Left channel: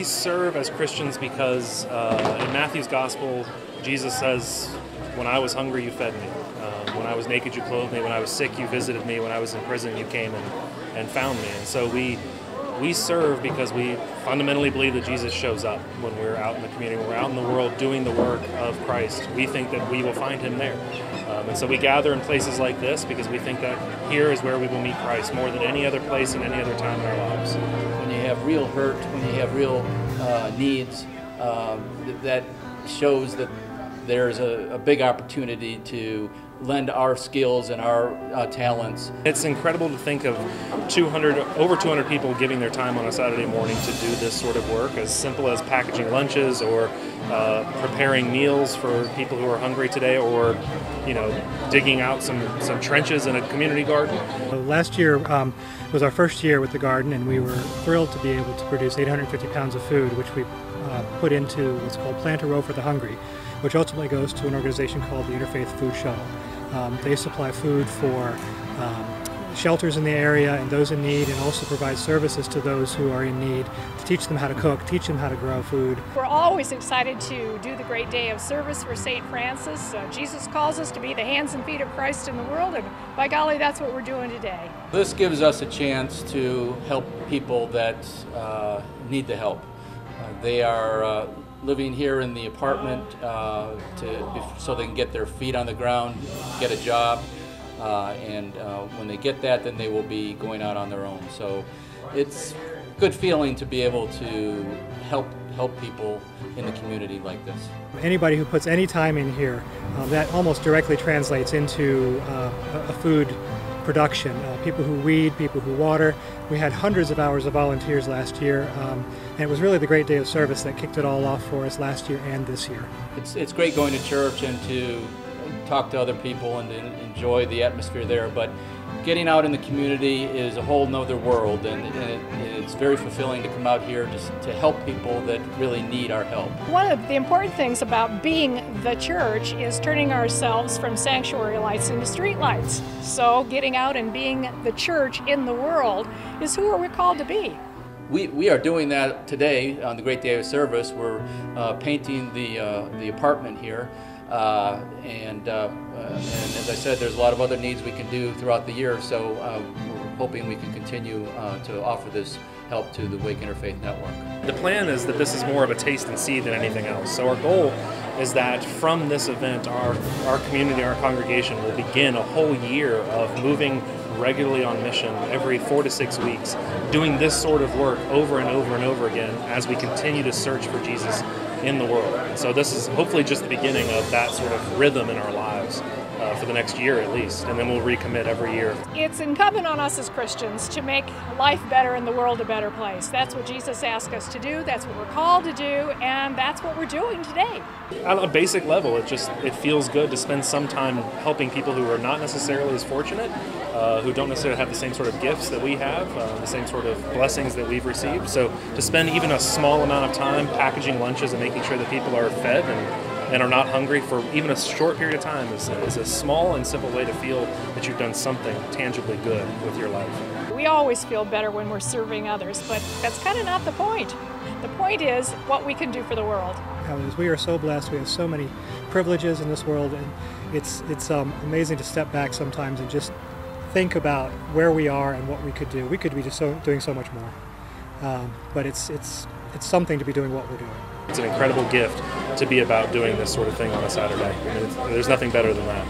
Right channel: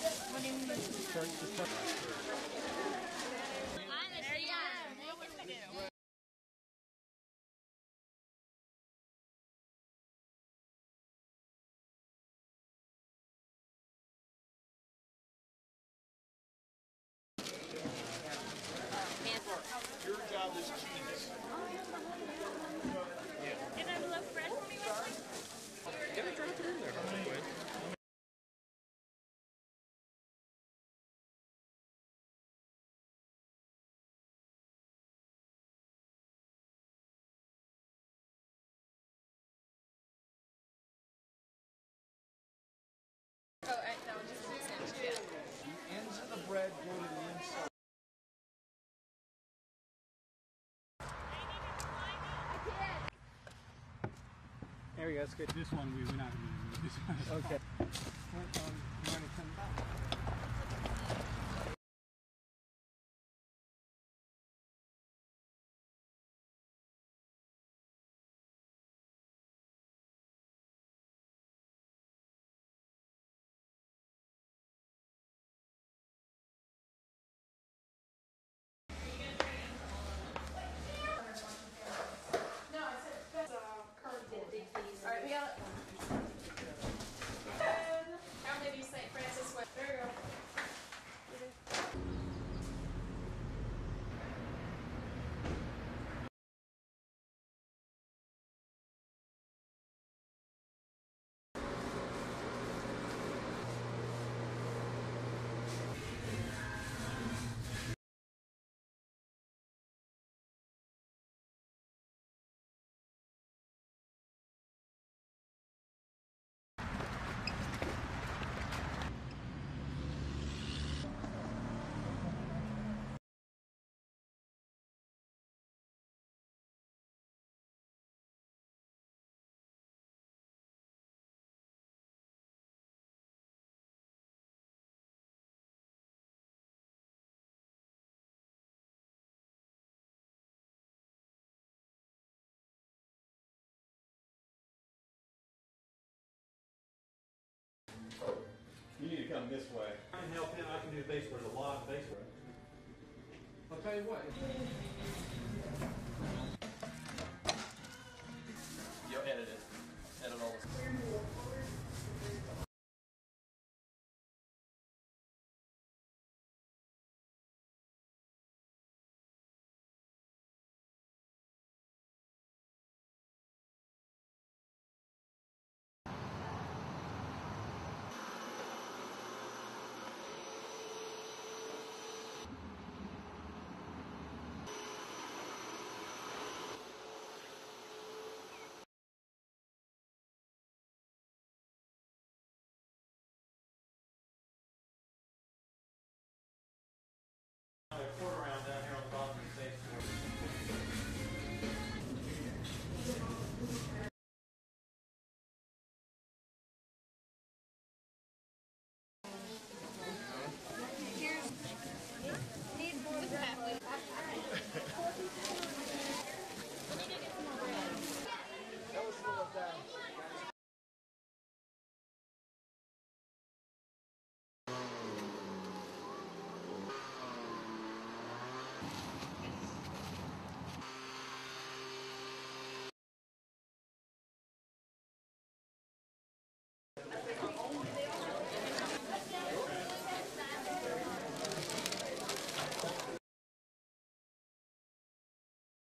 We serve as Christians because in Matthew's Gospel, Jesus says, "When I was hungry, you fed me. When I was naked, you clothed me. When I was sick, you visited me. When I was in prison, you came and found me." And so we serve because we fundamentally believe that Jesus shows up when we're out in the community, when we're out in the world doing the work of Christ. We think that we will find him there. And so we gather in places like this because we think that here is where we will meet Christ more than any other place and any other time in our lives. When you have real hurt, when you have real needs, that shows that there's a big opportunity to lend our skills and our talents. It's incredible to think of over 200 people giving their time on a Saturday morning to do this sort of work, as simple as packaging lunches or preparing meals for people who are hungry today, or digging out some trenches in a community garden. Last year was our first year with the garden, and we were thrilled to be able to produce 850 pounds of food, which we put into what's called Plant a Row for the Hungry, which ultimately goes to an organization called the Interfaith Food Shuttle. They supply food for shelters in the area and those in need, and also provide services to those who are in need to teach them how to cook, teach them how to grow food. We're always excited to do the great day of service for St. Francis. Jesus calls us to be the hands and feet of Christ in the world, and by golly, that's what we're doing today. This gives us a chance to help people that need the help. They are living here in the apartment so they can get their feet on the ground, get a job, and when they get that, then they will be going out on their own. So it's a good feeling to be able to help people in the community like this. Anybody who puts any time in here, that almost directly translates into a food production. People who weed, people who water. We had hundreds of hours of volunteers last year, and it was really the great day of service that kicked it all off for us last year and this year. It's great going to church and to talk to other people and to enjoy the atmosphere there, but getting out in the community is a whole nother world, and it's very fulfilling to come out here just to help people that really need our help. One of the important things about being the church is turning ourselves from sanctuary lights into street lights. So getting out and being the church in the world is who we're called to be. We are doing that today on the Great Day of Service. We're painting the apartment here, and as I said, there's a lot of other needs we can do throughout the year, so we're hoping we can continue to offer this help to the Wake Interfaith Network. The plan is that this is more of a taste and see than anything else. So our goal is that from this event, our community, our congregation will begin a whole year of moving regularly on mission every 4 to 6 weeks, doing this sort of work over and over and over again as we continue to search for Jesus in the world. And so this is hopefully just the beginning of that sort of rhythm in our lives for the next year at least, and then we'll recommit every year. It's incumbent on us as Christians to make life better and the world a better place. That's what Jesus asked us to do, that's what we're called to do, and that's what we're doing today. On a basic level, it feels good to spend some time helping people who are not necessarily as fortunate, who don't necessarily have the same sort of gifts that we have, the same sort of blessings that we've received. So to spend even a small amount of time packaging lunches and making sure that people are fed and are not hungry for even a short period of time is a small and simple way to feel that you've done something tangibly good with your life. We always feel better when we're serving others, but that's kind of not the point. The point is what we can do for the world. We are so blessed. We have so many privileges in this world, and it's amazing to step back sometimes and just think about where we are and what we could do. We could be just doing so much more, but it's something to be doing what we're doing. It's an incredible gift to be about doing this sort of thing on a Saturday. I mean, there's nothing better than that.